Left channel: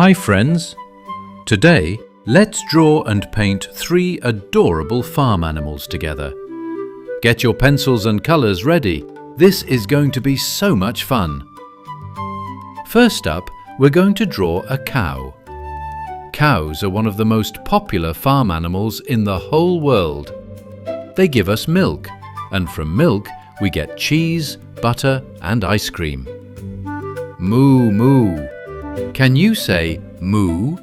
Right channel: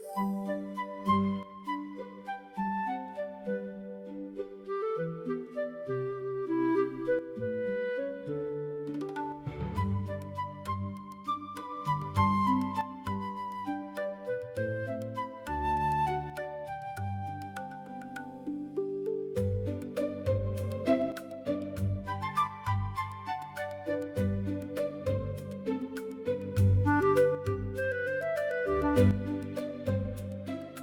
Hi friends! Today, let's draw and paint 3 adorable farm animals together. Get your pencils and colours ready. This is going to be so much fun. First up, we're going to draw a cow. Cows are one of the most popular farm animals in the whole world. They give us milk, and from milk we get cheese, butter and ice cream. Moo moo. Can you say moo?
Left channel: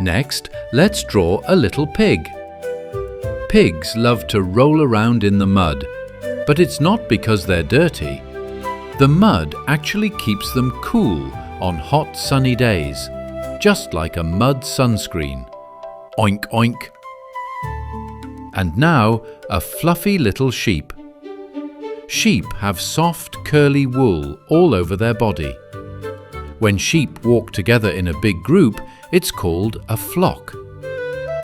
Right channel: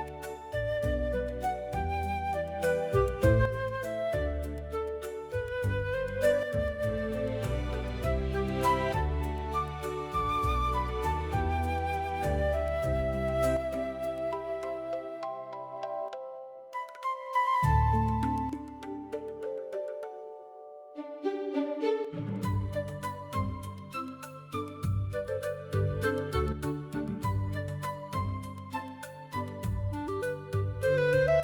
Next, let's draw a little pig. Pigs love to roll around in the mud, but it's not because they're dirty. The mud actually keeps them cool on hot sunny days, just like a mud sunscreen. Oink oink. And now, a fluffy little sheep. Sheep have soft, curly wool all over their body. When sheep walk together in a big group, it's called a flock.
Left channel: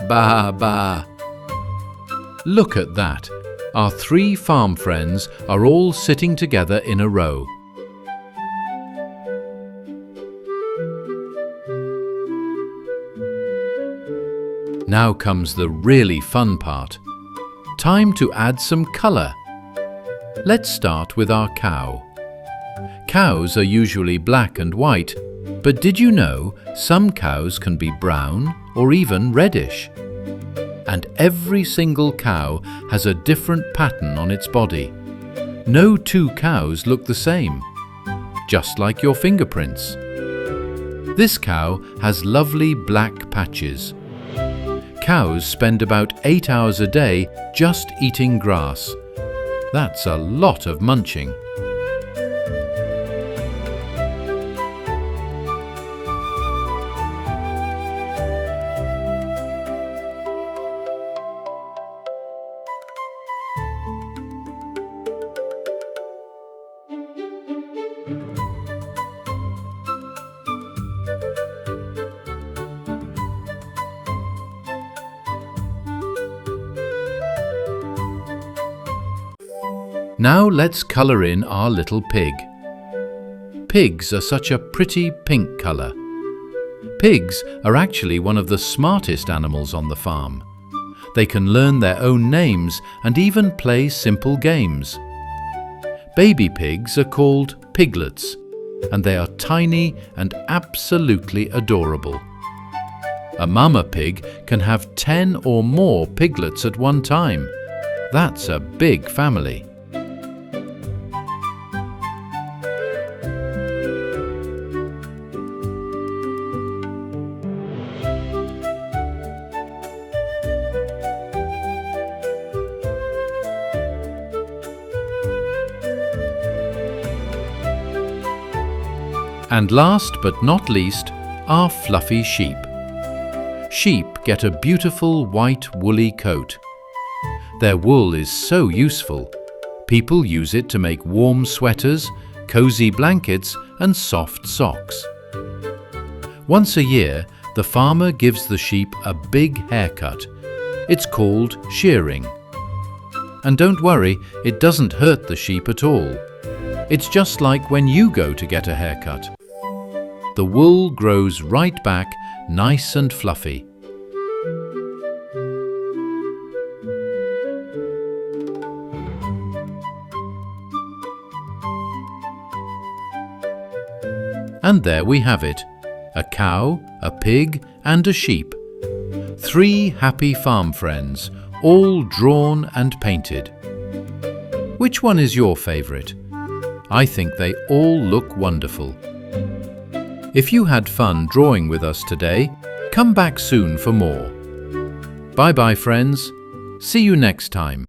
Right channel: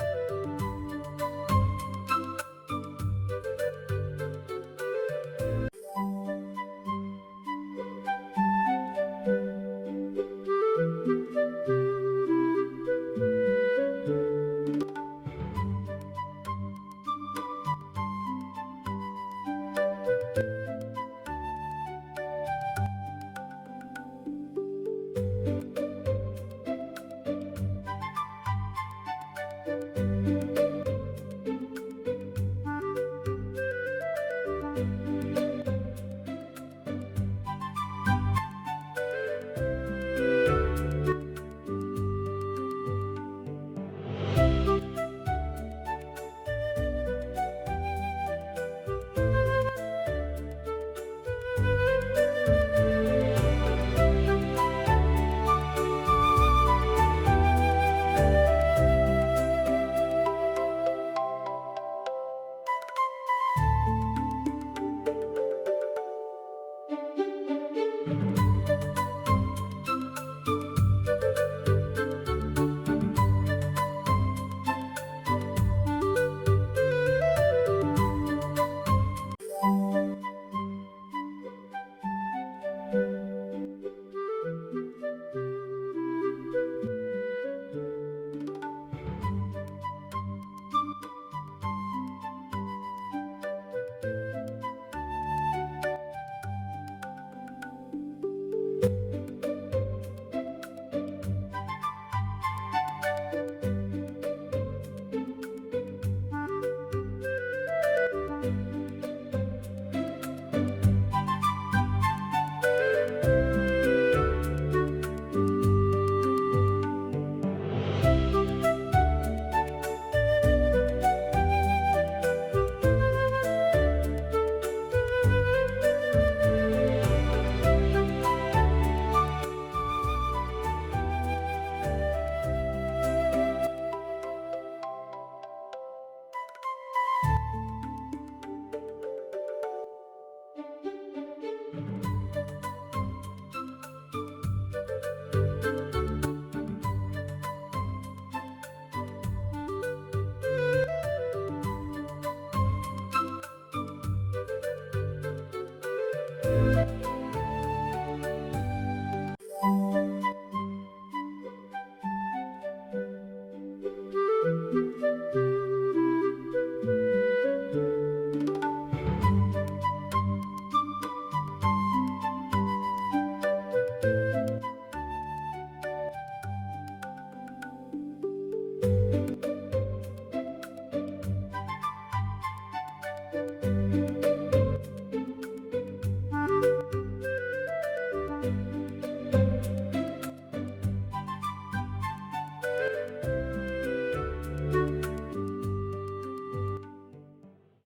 Baa baa. Look at that. Our 3 farm friends are all sitting together in a row. Now comes the really fun part. Time to add some colour. Let's start with our cow. Cows are usually black and white, but did you know some cows can be brown or even reddish? And every single cow has a different pattern on its body. No 2 cows look the same, just like your fingerprints. This cow has lovely black patches. Cows spend about 8 hours a day just eating grass. That's a lot of munching. Now let's colour in our little pig. Pigs are such a pretty pink colour. Pigs are actually one of the smartest animals on the farm. They can learn their own names and even play simple games. Baby pigs are called piglets, and they are tiny and absolutely adorable. A mama pig can have 10 or more piglets at one time. That's a big family. And last but not least, our fluffy sheep. Sheep get a beautiful white woolly coat. Their wool is so useful. People use it to make warm sweaters, cozy blankets and soft socks. Once a year, the farmer gives the sheep a big haircut. It's called shearing. And don't worry, it doesn't hurt the sheep at all. It's just like when you go to get a haircut. The wool grows right back, nice and fluffy. And there we have it. A cow, a pig and a sheep. 3 happy farm friends, all drawn and painted. Which one is your favourite? I think they all look wonderful. If you had fun drawing with us today, come back soon for more. Bye-bye, friends. See you next time.